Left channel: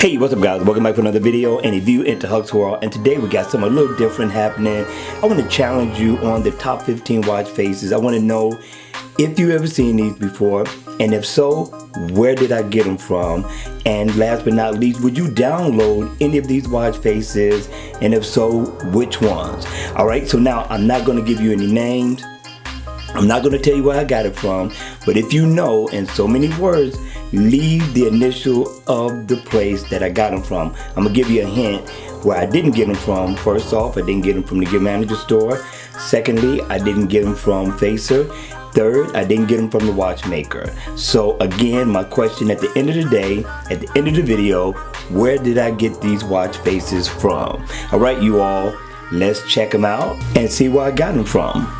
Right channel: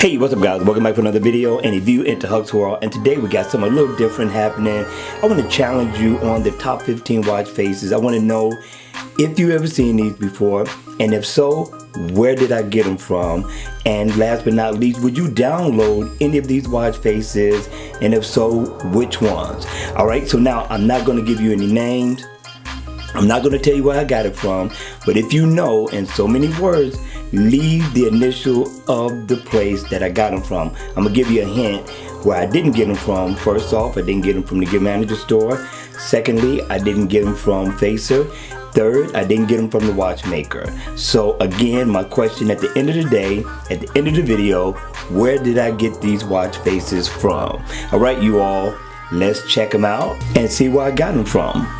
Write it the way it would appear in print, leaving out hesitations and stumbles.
Hey, what's up guys? Welcome back to another video and a view into Huck's World, and today we got something a little different happening. I want to challenge you on the top 15 watch faces. I want to know if you ever seen these before, and if so, where did I get them from? And last but not least, would you download any of these watch faces, and if so, which ones? Alright, so now I'm not going to give you any names. I'm not going to tell you where I got it from, but if you know in so many words, leave the initial of the place that I got them from. I'm going to give you a hint where I didn't get them from. First off, I didn't get them from the Gift Manager store. Secondly, I didn't get them from Facer. Third, I didn't get them from the watchmaker. So again, my question at the end of the day, at the end of the video, where did I get these watch faces from? Alright, you all, let's check them out and see where I got them from.